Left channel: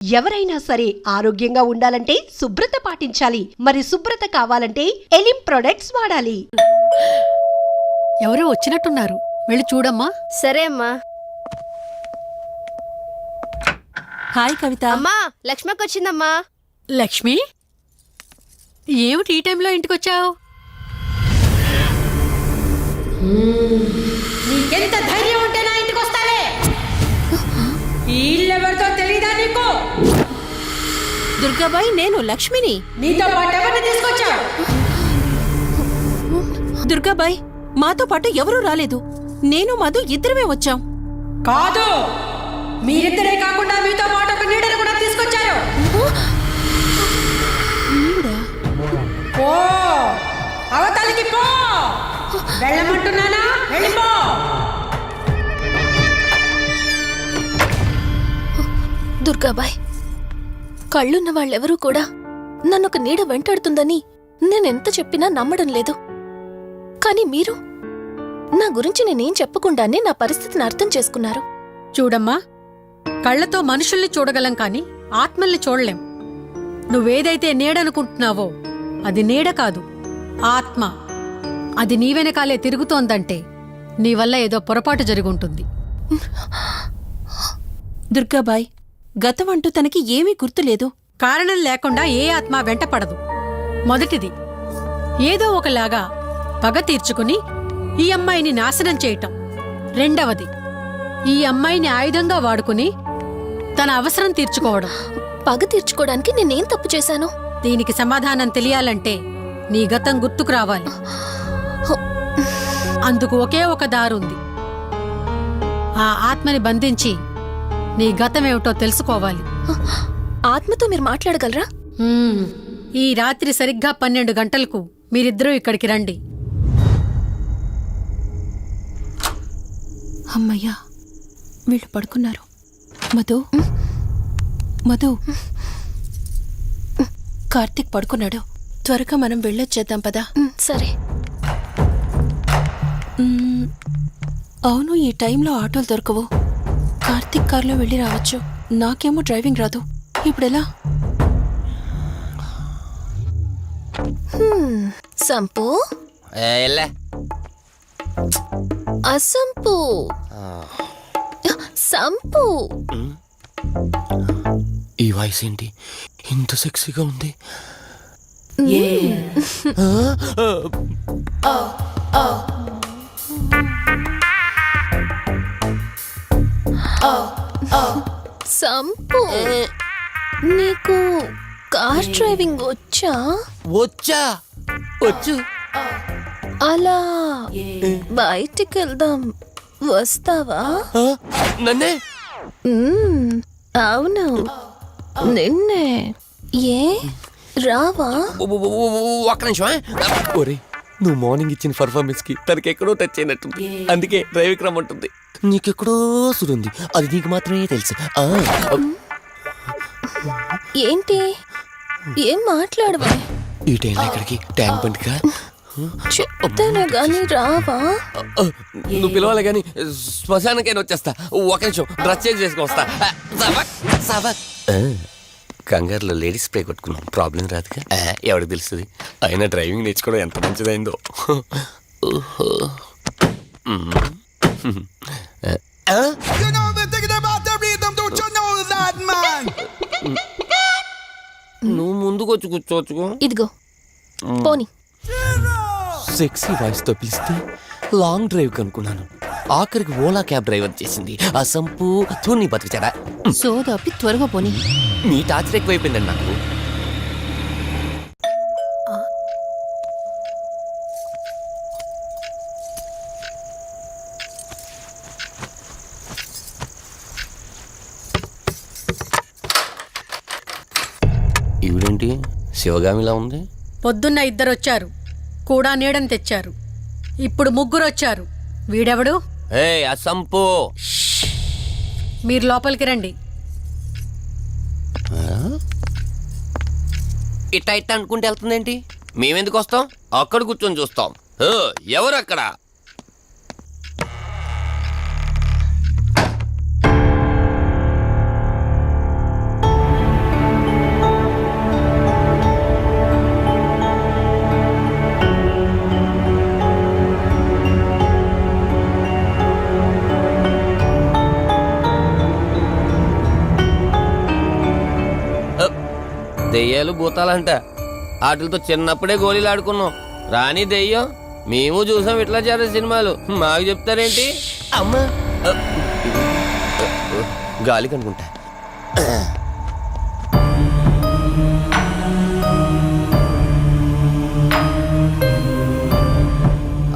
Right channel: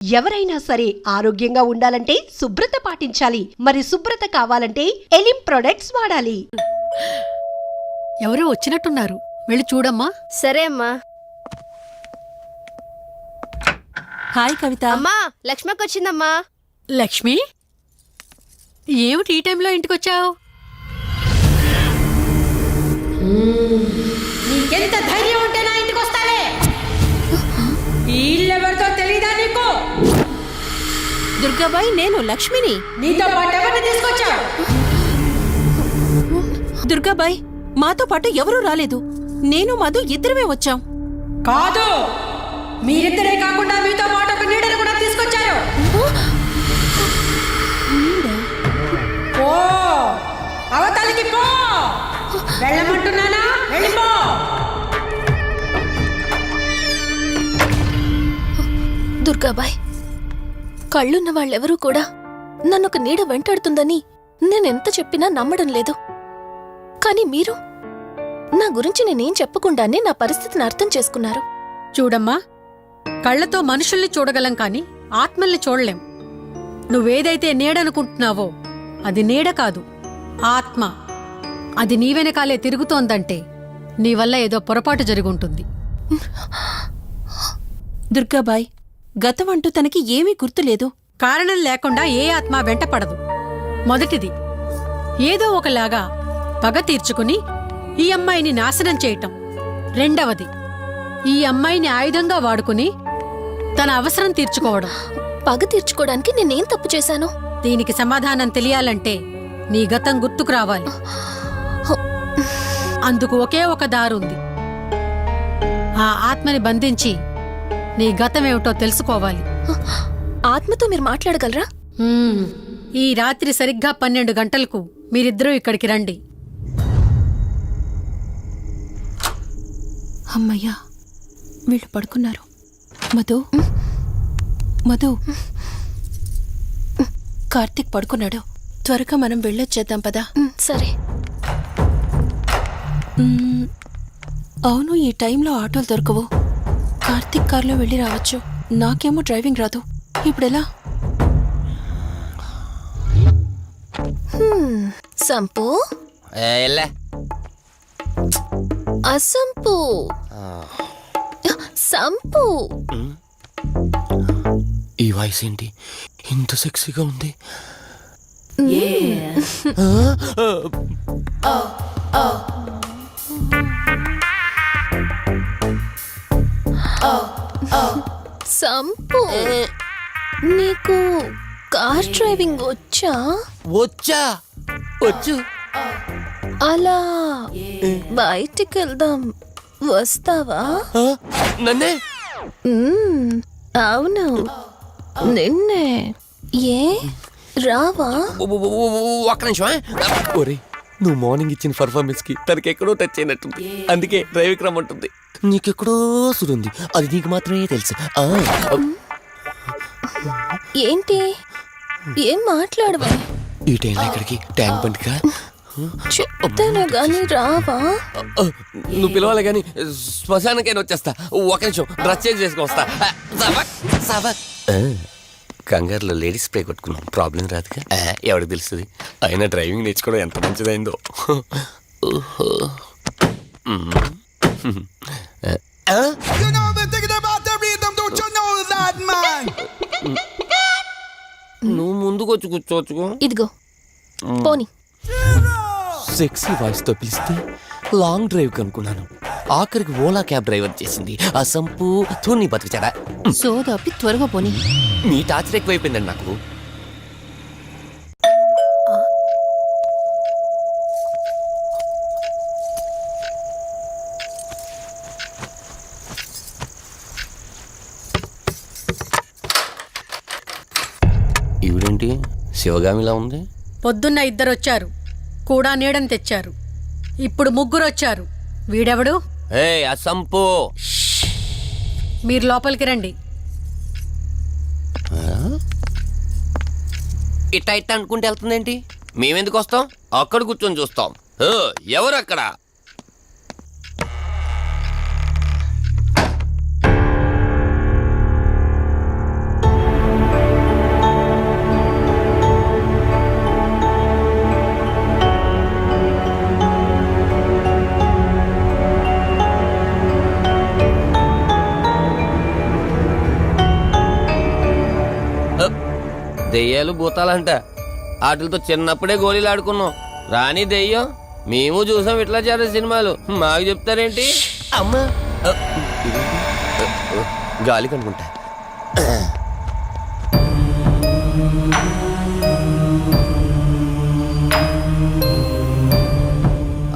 ఎవరైనా సరే ఆరోగ్యంగా ఉండాలంటే శుభ్రత పాటించాలి. మరి శుభ్రత కావాలంటే ఎలిం ప్రొడక్ట్స్ వాడాలి. ఎవరో వచ్చినట్టున్నారు, వెళ్ళి చూడమ్మా. సరే అమ్మా. హాయ్ కవిత. అమ్మా, లక్ష్మకి వచ్చిందమ్మా. లక్ష్మి, ఏమిటి ఈ టైంలో ఇంటికొచ్చావు? నీకెంత ధైర్యం ఉంటే నా ఇంటికి వస్తావే? ఈ ఇల్లెవరితో తెలీదా నీకు? దుర్గాబాయ్, నేను లక్ష్మిని. నీతో పాటు ఎవరిని తీసుకొచ్చావు? దుర్గాబాయ్, మాతో పాటు ఎవరూ రాలేదు. నేను మధు ఇద్దరమే వచ్చాం. కాదు, మీరిద్దరే కాకుండా మీతో పాటు ఒక నీడను కూడా తీసుకొచ్చారు. ఓ అవతలికి పో, వెళ్ళమంటున్నానా? వెళ్ళిపో. దుర్గాబాయ్, కళ్ళున్న వాళ్ళెవరూ కూడా నన్నొక నీడ వెంటాడుతుందని నేనెంత చెప్పినా నమ్మడం లేదు. కానీ మీరు నా గురించి నేనేం చెప్పకుండానే నా పరిస్థితిని అర్థం చేసుకున్నారు. చూడమ్మా, కళ్లతో మనుషుల్ని చూడగలం కాని ఆత్మల్ని చూడలేం. నువ్వేదైతే నీడనుకుంటున్నావో అది నీడ కాదు, ఆత్మ. అది నీ వెనకాలే తిరుగుతోందంటే నీ వల్ల ఏదో పొరపాటు జరుగుంటుంది. దుర్గాబాయ్, గతం అంటూ తనకి ఏమీ గుర్తులేదు. కారణం లేకుండా ఏ ఆత్మ వెంటపడదు. మొదటిది, ఏదో ఒకలాగా పగ తీర్చుకుని ఈ అమ్మాయిని నాశనం చేయటం. రెండవది, ఈ అమ్మాయిని ఆయుధంగా వాడుకుని తన అవసరం తీర్చుకోవడం. పగ తీర్చుకోవడానికి నేనేం తప్పు చేశాను? దీనికి సమాధానం తెలియాలంటే నీ గతం గుర్తుకు రావాలి. అందుకు ఒకే ఒక దారుంది. ఆ ఆత్మని బంధించి నీ గతమేమిటో తెలుసుకోవాలి. ఆత్మతో మీరు మాట్లాడగలరా? ఈ రాత్రి సరిగ్గా 12 గంటలకు మీరిద్దరూ ఇక్కడికి రండి. అమ్మయ్యా, వీళ్ళు పడుకున్నారు. మధు, మధు, కార్తీక్ పడుకున్నాడు. త్వరగా మనం వెళ్ళొచ్చేద్దాం పదా. సరే. అవును, ఈ టైంలో ఆటోలు దొరకవు. కార్తీక్ కార్లో వెళ్ళి రావచ్చు. నాకేమో డ్రైవింగ్ రాదు. ఇప్పుడెలా? సంపు, అసంపు, సంపు. ఈ వాయిస్ ఏంటి ఇంత సెక్సీగా ఉంది? సంపు, నీకు కార్ డ్రైవింగ్ వచ్చా? వచ్చా, వచ్చు. అలా బయటికి వెళ్దాం, వస్తావా? నన్నే? అవును, నిన్నే. ఏ రావా? ఒక్క నిమిషం. ఒరే, నువ్వు మార్నింగ్ ఇచ్చిన పర్ఫార్మెన్స్ కి తనకెక్కడో టచ్ అయినట్టుంది. అందుకే డ్రైవింగ్ రమ్మంటుంది. నీకెక్కడో సుడుంది, అది నీకు మాత్రమే తెలుసు. ఏంటి, ఏం మాట్లాడవా? ఈ టైంలో ఇక్కడికి ట్యాంక్ బండ్కా? చెప్తాను గాని రావా? నువ్వు పిలవాలి గాని శ్మశానకైనా వచ్చేస్తా. ఒక నిమిషం డ్రెస్ చేంజ్ చేసుకుని వస్తా. కంగారులో లేడీస్ స్ప్రే కొట్టుకున్నాం, ప్రాబ్లం రాదుగా. ఎవరికి తెలుస్తుంది? అయినా డ్రైవింగ్ నేర్చుకోవడం ఎంత మంచిదైందో. నువ్వు ముందుకు వచ్చి కూర్చోవచ్చుకో. ఇదిగో పోనీ. సెక్సీ వాయిస్ తో పిలిస్తే లాంగ్ డ్రైవ్ కనుక్కున్నాను. ఆఖరికి ఓలా క్యాబ్ డ్రైవర్ చేసింది ఆ సంపు. తూని బతికిచాడా? సోదాపి త్వరగా పోనీ. మీ టార్చర్ ఎక్కువైపోయిందండి నాకు. ఈవిడేంటి శివగామిలా ఉంది? పొద్దున్న 2 వచ్చారు, కూడా నీడని తెచ్చారు. ఇప్పుడు 3 వచ్చారు. వీడెవడు? ఆ సంపు. మీరు లోపలికి రండి. ఇట్ట ఇట్ట అనుకుంటే వెళ్తుందేంటి? మేమెందుకు వస్తాం? అక్కడ కూర్చొని చూస్తాం. ఎవరు అక్కడ? దెయ్యాలు భూతాలంట వాటితో చిన్నప్పుడే గోళీలు ఆడుకున్నాం. రాని దెయ్యం మేము చూసాం ఇట్లా చేరే సినిమాలు. మాకు చెప్తారేంటి? అమ్మా గాలి కనుకుంటా.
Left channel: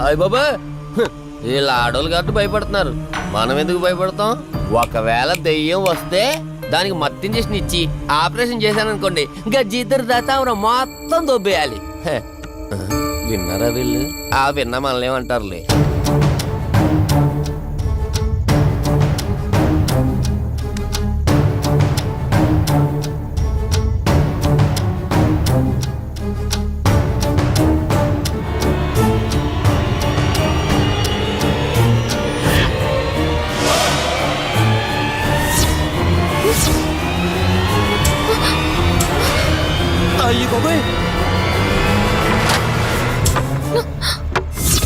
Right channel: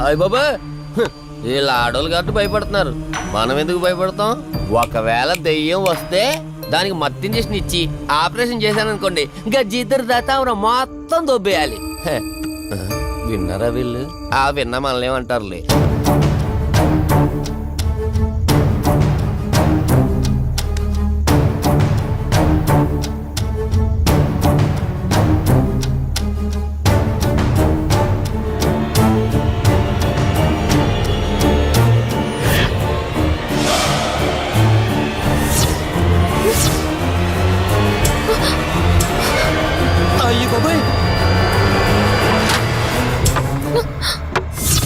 అయ్య బాబా, వీళ్ళ ఆడోళ్ళు కాబట్టి భయపడుతున్నారు. మనం ఎందుకు భయపడతాం? ఒకవేళ దెయ్యం వస్తే దానికి మత్తు ఇంజెక్షన్ ఇచ్చి ఆపరేషన్ చేశాననుకోండి, ఇంకా జీతరు దాతావరం మొత్తం దొబ్బేయాలి. విన్నారా వీళ్ళు? విన్నా మనల్ని ఏమంటారులే. అయ్యి బాబాయ్,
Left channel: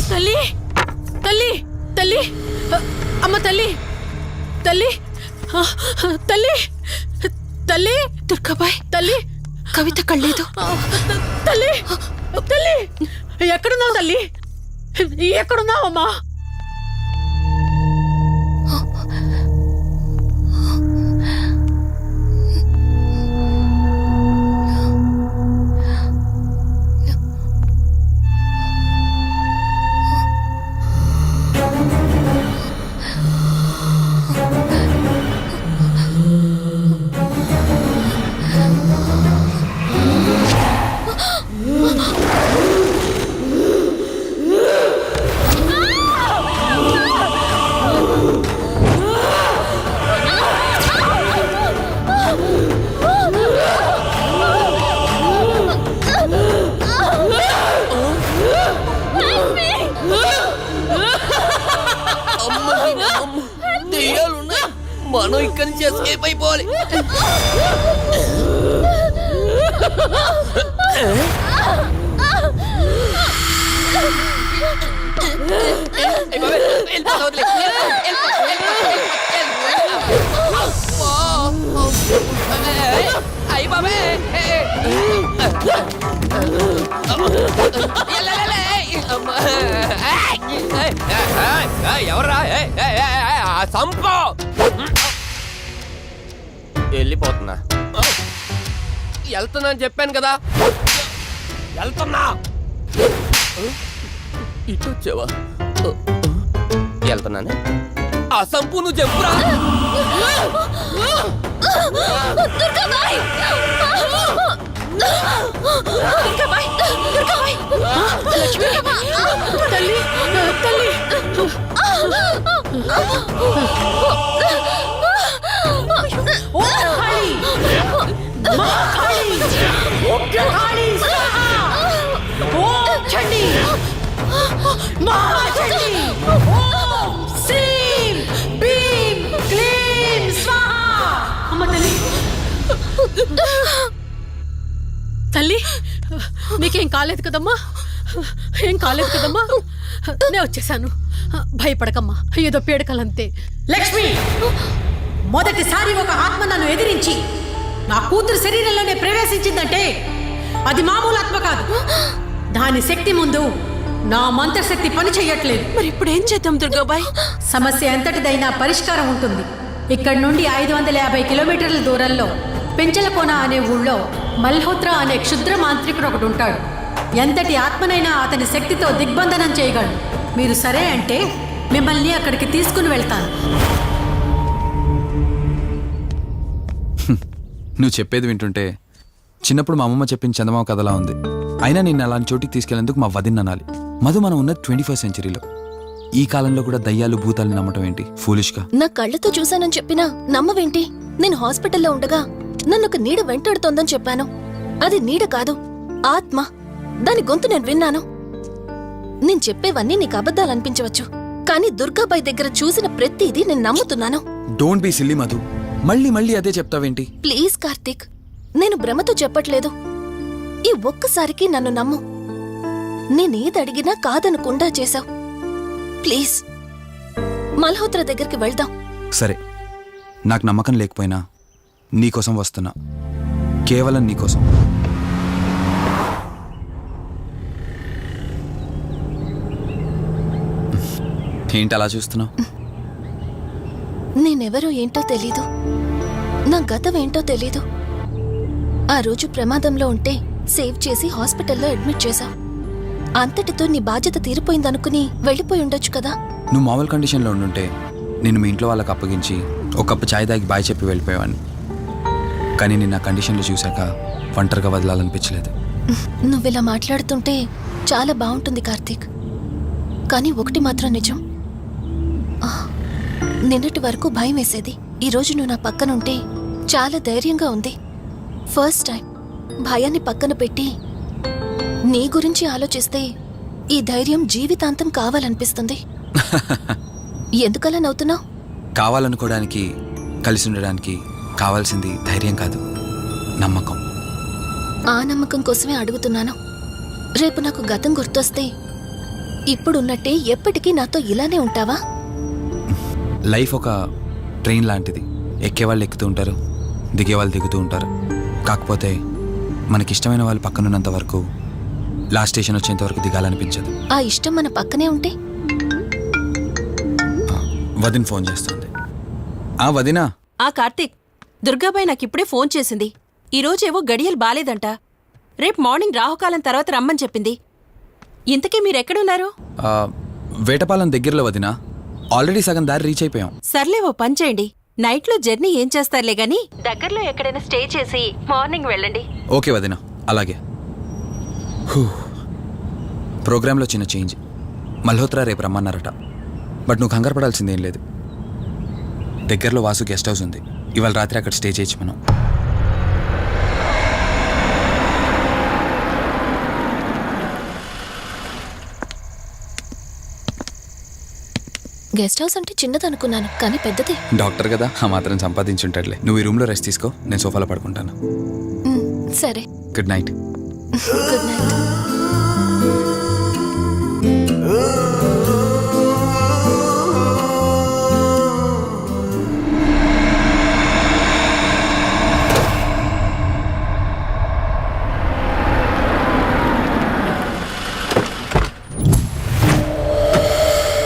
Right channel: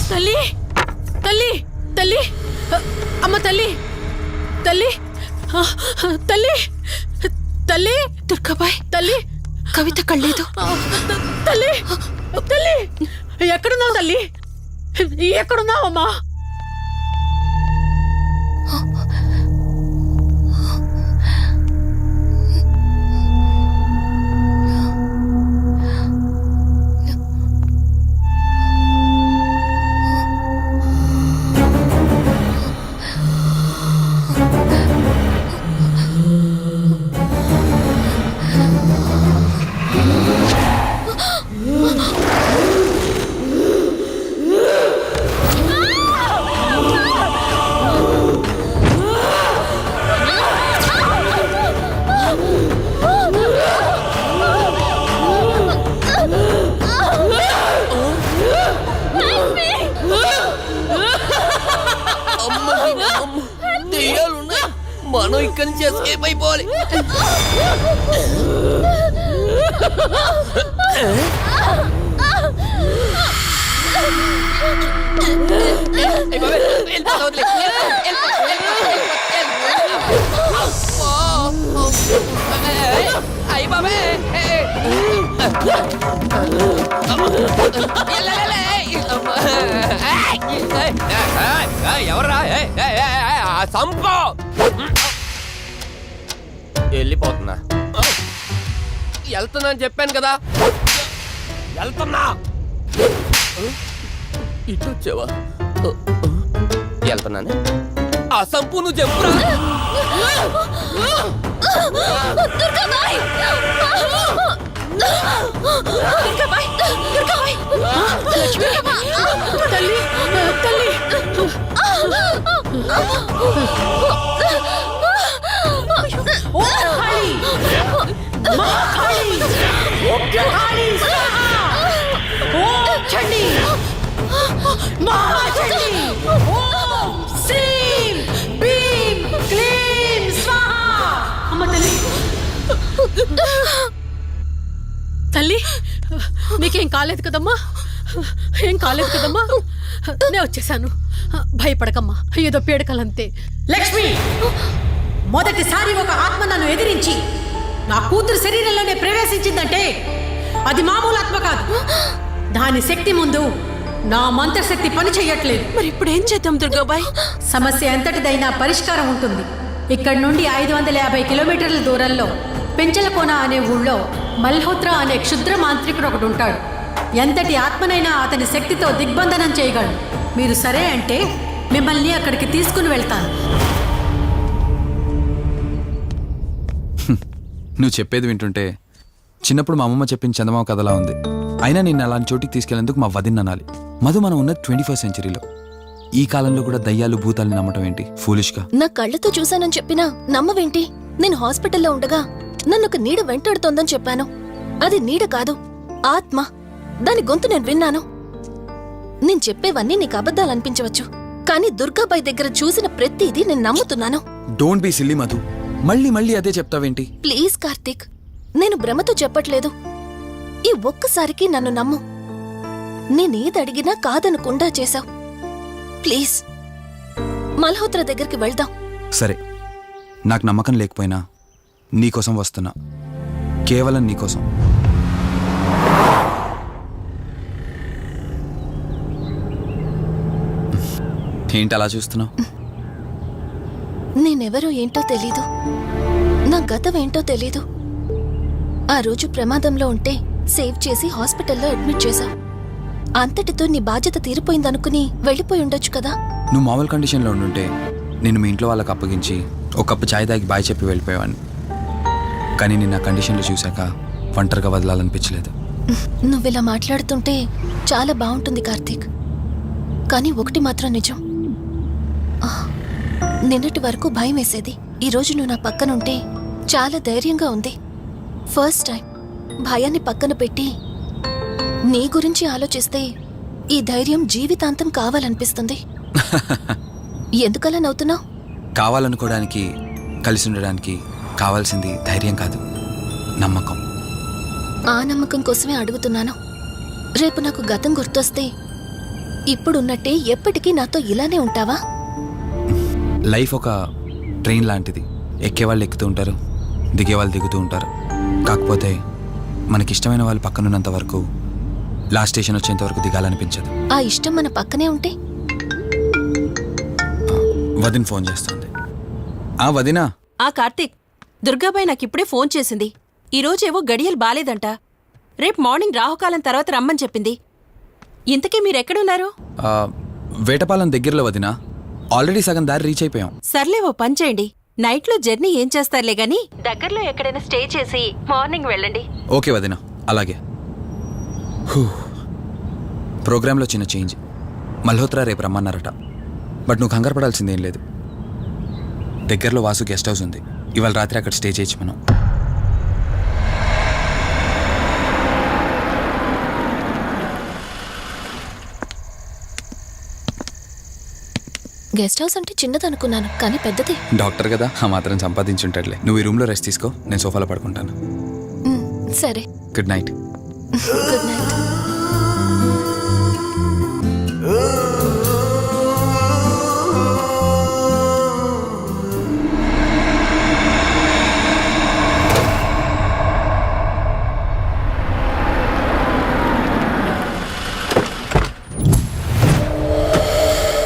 తల్లి తల్లి తల్లి అమ్మ తల్లి తల్లి తల్లి తల్లి దుర్గాబాయ్, తల్లి కవిత కళ్ళేదు. తల్లి తల్లి ఎక్కడున్నావు తల్లి? ఎక్కడున్నావు అమ్మా? దెయ్యాలున్నాయి, మనం ఇక్కడి నుంచి ఎస్కేప్ అయిపోవాలి. ఎవరా సంపో? వెళ్ళిపోతున్నా. వెళ్తున్నా అని చెప్పాను కదా, వెళ్తున్నా. ఇటు వచ్చావా? వెళ్తున్నాను. ఆ సంపు నువ్వు చెప్పురా. తల్లి తల్లి ఓ కాళీ, మా కాళీ, ఉగ్ర కాళీ స్వాహా. ఓం చండీ, మహా చండీ. ఓం శ్రీం భీం క్లీం స్వాహా. అమ్మ తల్లి తల్లి, నీకేం కాలేదు కదమ్మా? ఏం కాలేదు కదమ్మా? నేను వచ్చేసాను, భయపడకమ్మా. ఏదో పీడకలంతే. లక్ష్మి, మొదటిసారి ఒక ఆత్మ నన్ను ఎదిరించి నా కూతురు శరీరంలోనే ప్రవేశించిందంటే అది మామూలు ఆత్మ కాదు. దాని శక్తి ముందు నా మంత్రశక్తి పని చెయ్యట్లేదు. మరి ఇప్పుడు ఏం చేద్దాం దుర్గాబాయ్? సమస్య ఎంతటిదైనా పరిష్కారం ఉంటుంది. ఇక్కడి నుండి 550 కిలోమీటర్ల దూరంలో పెంచలకోన అనే ఊళ్ళో మల్హోత్రా అనే క్షుద్ర మాంత్రికుడు ఒకడు ఉంటాడు. ఎంతటి ఆత్మనైనా అతని శక్తితో దిగ్బంధనం చేయగలడు. మీరు సరే అంటే మిమ్మల్ని అక్కడికి తీసుకుని వెళ్తాను. నువ్వు చెప్పేది వింటుంటే చిన్నప్పుడు మా అమ్మమ్మ చెప్పిన చందమామ కథలా ఉంది. అయినా నిన్ను అలాంటి చోటికి తీసుకెళ్లేందుకు మా వదిన అనాలి. మధు, మనం ఉన్నది 21st సెంచరీలో. ఈ కాలంలో కూడా దయ్యాలు భూతాల్ని నమ్మటం ఏంటి? ఫూలిష్గా. నా కళ్ళతో చూశానని చెప్పినా నమ్మవేంటి? నేను హాస్పిటల్లో ఉండగా నన్ను ఒక నీడ వెంటాడుతోందని చెప్పాను. అది నీడ కాదు, ఆత్మ. దాని గొంతు నేను విన్నాను. నేను చెప్పేవన్నీ నీకు అబద్ధాలనిపించవచ్చు, కానీ దుర్గాబాయ్ దగ్గర చూసిన ప్రతిదీ నేను నమ్ముతున్నాను. Don't be silly Madhu. మళ్ళీ మళ్ళీ అదే చెప్తావేంటి? ప్లీజ్ కార్తీక్, నేను భ్రమతో చెప్పట్లేదు. ఈ ఒక్కసారికి నన్ను నమ్ము. నేనేదడిగినా కాదనకుండా చేశావు. ప్లీజ్, మల్హోత్రా దగ్గరికి వెళ్దాం. సరే, నాకు నమ్మకం లేకపోయినా నీకోసం వస్తున్నా. కేవలం నీకోసం. ఏంటి అలా చూస్తున్నావు? నేనెవరో ఏంటో తెలీదు, నా గతం ఏంటో తెలీదు. ఆ రోజు ప్రమాదంలో ఉంటే సేవ్ చేసి హాస్పిటల్లో అడ్మిట్ చేశావు. అంతటితో నీ బాధ్యత తీరిపోయిందనుకుని వెళ్ళిపోయి ఉండొచ్చు కదా. నువ్వు మామూలు కండిషన్లో ఉండుంటే నేను మీ ఇంట్లో వాళ్ళకి అప్పగించి ఒక కప్పు ఛాయ్ తాగి బాయ్ చెప్పి వెళ్ళిపోయేవాడిని. కానీ నేను ఆ కండిషన్లో చూశాక ఒంటరిగా వదలాలనిపించలేదు. నువ్విలా మాట్లాడుతుంటే చాలా బాగుంటుంది కార్తీక్. కానీ ఒకటి మాత్రం నిజం, నిన్నటి వరకు భయం వేసేది. ఈరోజు నువ్వు నా పక్కనుంటే చాలా ధైర్యంగా ఉంది. ఫస్ట్ టైం భయాన్ని పక్కన పెట్టి నీ గురించి ఆలోచిస్తే ఈ ధైర్యం జీవితాంతం కావాలనిపిస్తుంది. ఎందుకలా నవ్వుతున్నావు? కావాలనుకోవడానికి, కలిసి ఉండడానికి కావాల్సింది ధైర్యం కాదు, నమ్మకం. ఆ నమ్మకం కోసమే అడుగుతున్నాను. రేపు నాకు గతం గుర్తొస్తే ఇప్పుడున్నట్టే ఎప్పటికీ నాతో ఇలానే ఉంటావా? లైఫ్ ఒక ట్రైన్ లాంటిది. ఎక్కేవాళ్ళు ఎక్కుతూ ఉంటారు, దిగేవాళ్ళు దిగుతూ ఉంటారు. కాకపోతే మనకిష్టమైన వాళ్ళు పక్కనున్నంత వరకు లాస్ట్ స్టేషన్ వచ్చేంత వరకు దిగాలనిపించదు. ఆ ఇష్టం మన పక్కనే ఉంటే? వదిన ఫోన్ చేస్తుంది. వదినా. కార్తీక్, దుర్గాబాయ్ నాకిప్పుడే ఫోన్ చేసింది. ఈరోజేవో గడియలు బాలేదంట. రేపు మార్నింగ్ రాహుకాలం తర్వాత రమ్మని చెప్పింది. ఇంతకీ మీరెక్కడున్నారు? వేటపాలెం దగ్గరలో వదినా. ఆల్రెడీ సగం దారి రీచ్ అయిపోయాం. సర్లే, ఓ పని చేయండి. నైట్లో జర్నీ ఏం చేస్తారులే గాని దగ్గరలో ఎక్కడైనా స్టే చేసి మార్నింగ్ వెళ్ళండి. ఓకే వదినా, అలాగే. ప్రోగ్రాంలో చిన్న చేంజ్. మల్హోత్రా రేపు రమ్మన్నారట. బట్ నువ్వు కంగారు పడాల్సిందేం లేదు. దగ్గరలో వాసు గెస్ట్ హౌస్ ఉంది. ఇవాళ రాత్రి అక్కడ స్టే చేయొచ్చు మనం. గెస్ట్ హౌస్ అంటే చిన్నదనుకున్నాను, కానీ పెద్దదే. డాక్టర్ కదా, ఆ మాత్రం సంపాదించుంటాడులే. నువ్వు ఈ రూమ్లో రెస్ట్ తీసుకో, నేను సోఫాలో పడుకుంటాను. సరే, గుడ్ నైట్. Good night.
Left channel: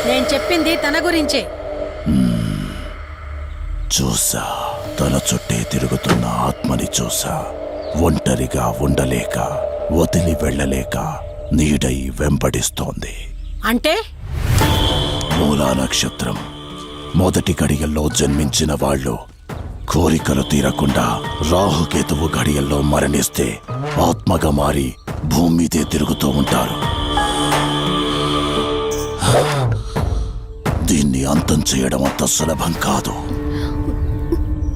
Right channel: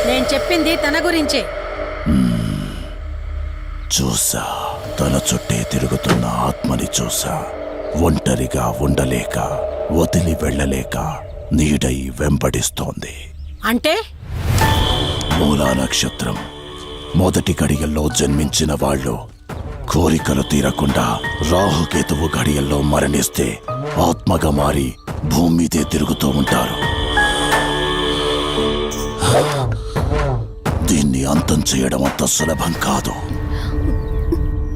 నేను చెప్పింది తన గురించే. చూసా, తన చుట్టే తిరుగుతున్న ఆత్మని చూసా. ఒంటరిగా ఉండలేక, వదిలి వెళ్ళలేక నీడై వెంబడిస్తోంది. అంటే మూలా నక్షత్రం మొదటి గడియల్లో జన్మించిన వాళ్ళు కోరికలు తీరకుండా రాహుకేతువు గడియల్లో మరణిస్తే ఆత్మగా మారి భూమి మీదే తిరుగుతూ ఉంటారు. దీన్ని అంతం చేయడం అంత సులభం కాదు.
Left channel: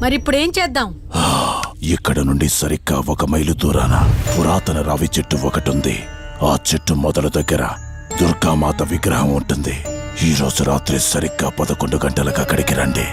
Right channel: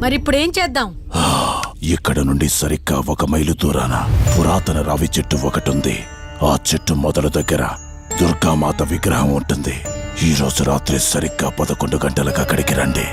మరిప్పుడేం చేద్దాం? ఇక్కడ నుండి సరిగ్గా 1 మైలు దూరాన పురాతన రావి చెట్టు ఒకటుంది. ఆ చెట్టు మొదల దగ్గర దుర్గామాత విగ్రహం ఉంటుంది. ఈ రోజు రాత్రి సరిగ్గా 11 గంటలకు అక్కడికి రండి.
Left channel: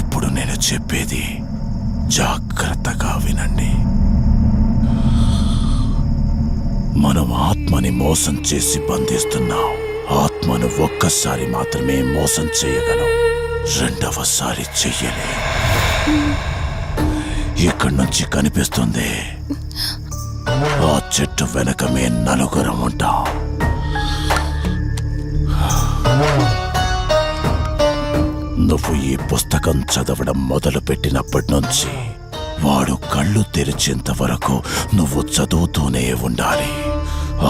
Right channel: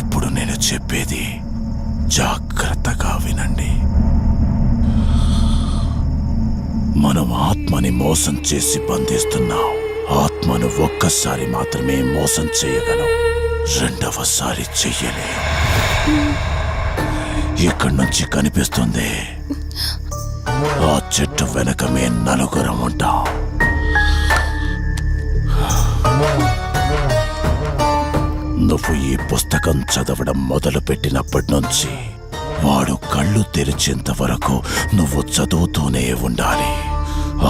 ఇప్పుడు నేను చెప్పేది జాగ్రత్తగా వినండి. మనం ఆత్మని మోసం చేసి బంధిస్తున్నాం. ఆత్మను ఒక్కసారి మాత్రమే మోసం చేయగలం, రెండవసారి చెయ్యలేం. ఇక్కడి నుంచి కనిపిస్తుంది, ఆ చెట్టు వెనకమే నలుగురం ఉంటాం. నువ్వు ఈ పుస్తకం చదవడం మొదలు పెట్టినప్పటి నుంచి వాడు కళ్ళు తెరిచేంత వరకు నువ్వు చదువుతూనే ఉండాలి.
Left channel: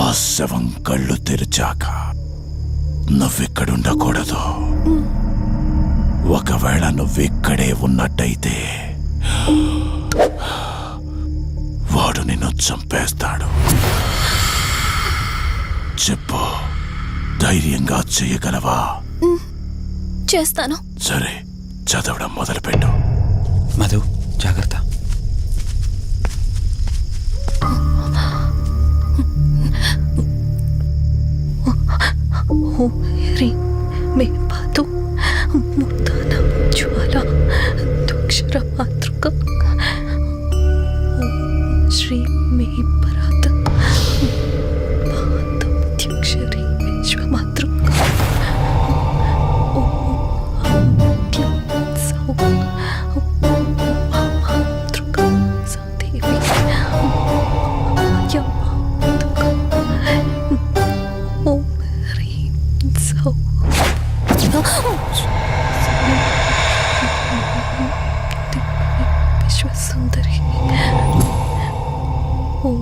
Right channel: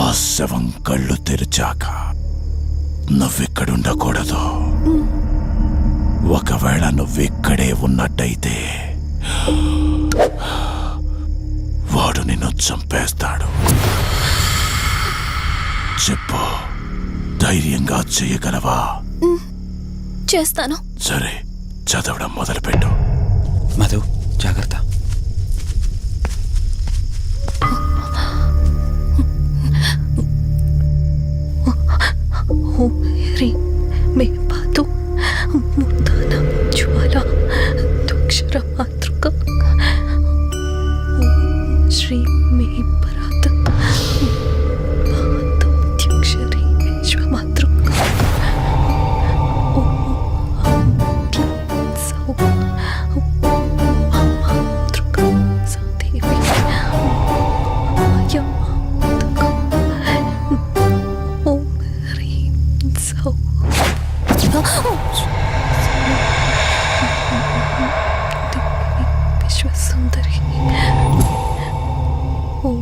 ఆ శవం కళ్ళు తెరిచాక నువ్విక్కడుండకూడదు. ఒకవేళ నువ్విక్కడే ఉన్నట్టయితే వాడు నిన్ను చంపేస్తాడు. చెప్పు, ధైర్యంగా చెయ్యగలవా? చేస్తాను. సరే, చదవడం మొదలుపెట్టు. మధు జాగ్రత్త. మే పాతు ముర్దాన జ్వాల దుక్షర మాతృక శ్రీ మే పరాత పాదక్షరి విశ్వమాతృక మాతృక సదేవి ఓం హ్రీం సౌ విశ్వసుందరి ఓం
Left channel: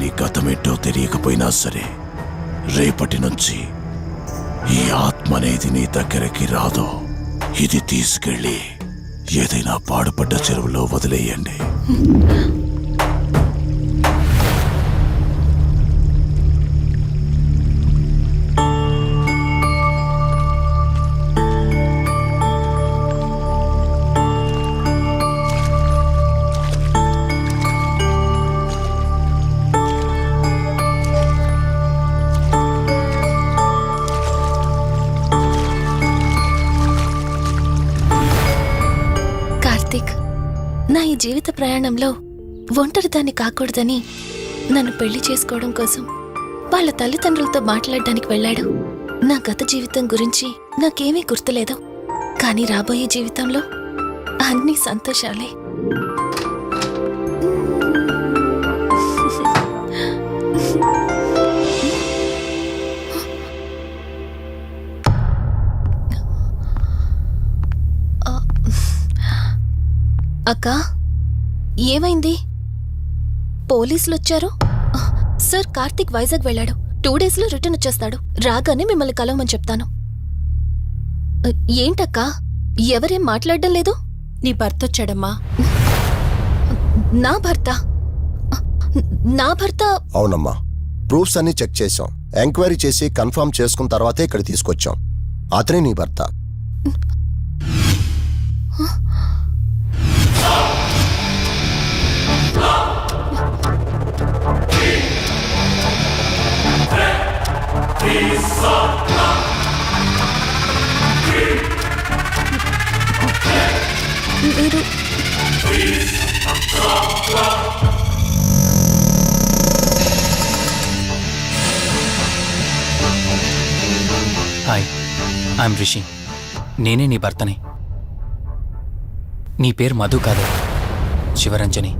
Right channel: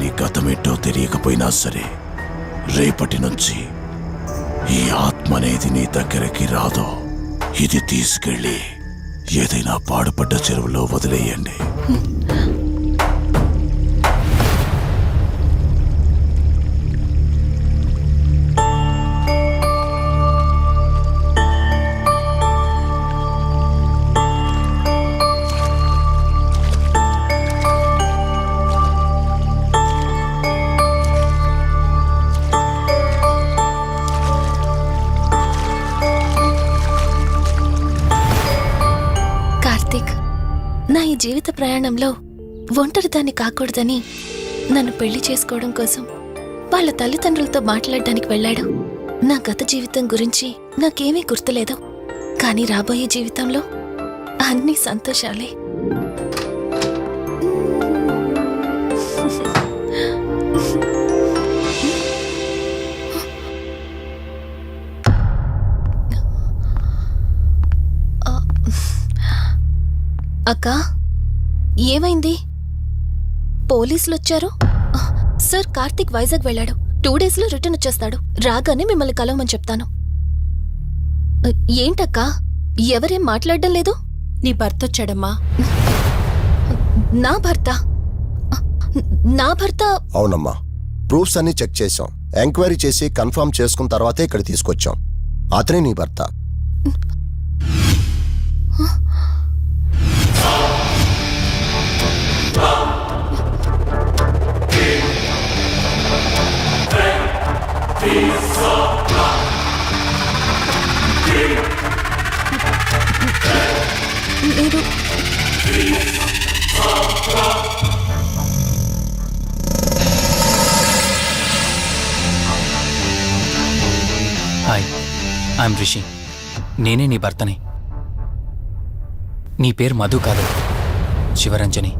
నీ గతమేంటో తెలియకపోయినా సరే, రేపటి నుంచి ఈ ఆత్మ అనేది నీ దగ్గరికి రాదు. ఇది తీసుకెళ్ళి ఏదైనా పాడుపడ్డ చెరువులో వదిలేయండి. కార్తీక్, నా ఈ జీవిత ప్రయాణంలో ఒంటరిదాన్ని కాకూడదని నన్ను పెళ్లి చేసుకోవడం కోసం వాళ్ళ తల్లిదండ్రులతో మాట్లాడడానికి వెళ్ళాడు. నా గత జీవితం గురించి నాకేమీ గుర్తులేదు, కానీ రాబోయే జీవితంలో అన్ని సంతోషాలే. అక్కా, ఏమైంది? పోలీసులు వచ్చారు. సార్, కార్తీక్ వైజాగ్ వెళ్ళాడు. 2 days లో రిటర్న్ వచ్చేస్తాడు. రాగానే మిమ్మల్ని కలవమని చెప్తాను. ఏంటక్కా, ఎవరేం మాట్లాడడం లేదు? నీ భర్త వచ్చాడమ్మా. నా భర్త? నా భర్త? అవునమ్మా, ప్రూఫ్స్ అన్ని చెక్ చేశాం. ఎంక్వైరీ చేసి కన్ఫర్మ్ చేసుకున్న తర్వాతే ఇక్కడ తీసుకొచ్చాం. అతనే నీ భర్త. మీరు హాయ్, ఐఎమ్ రిషి. నేనే నీ భర్తని. నీ పేరు మధు కాదు, శివరంజని.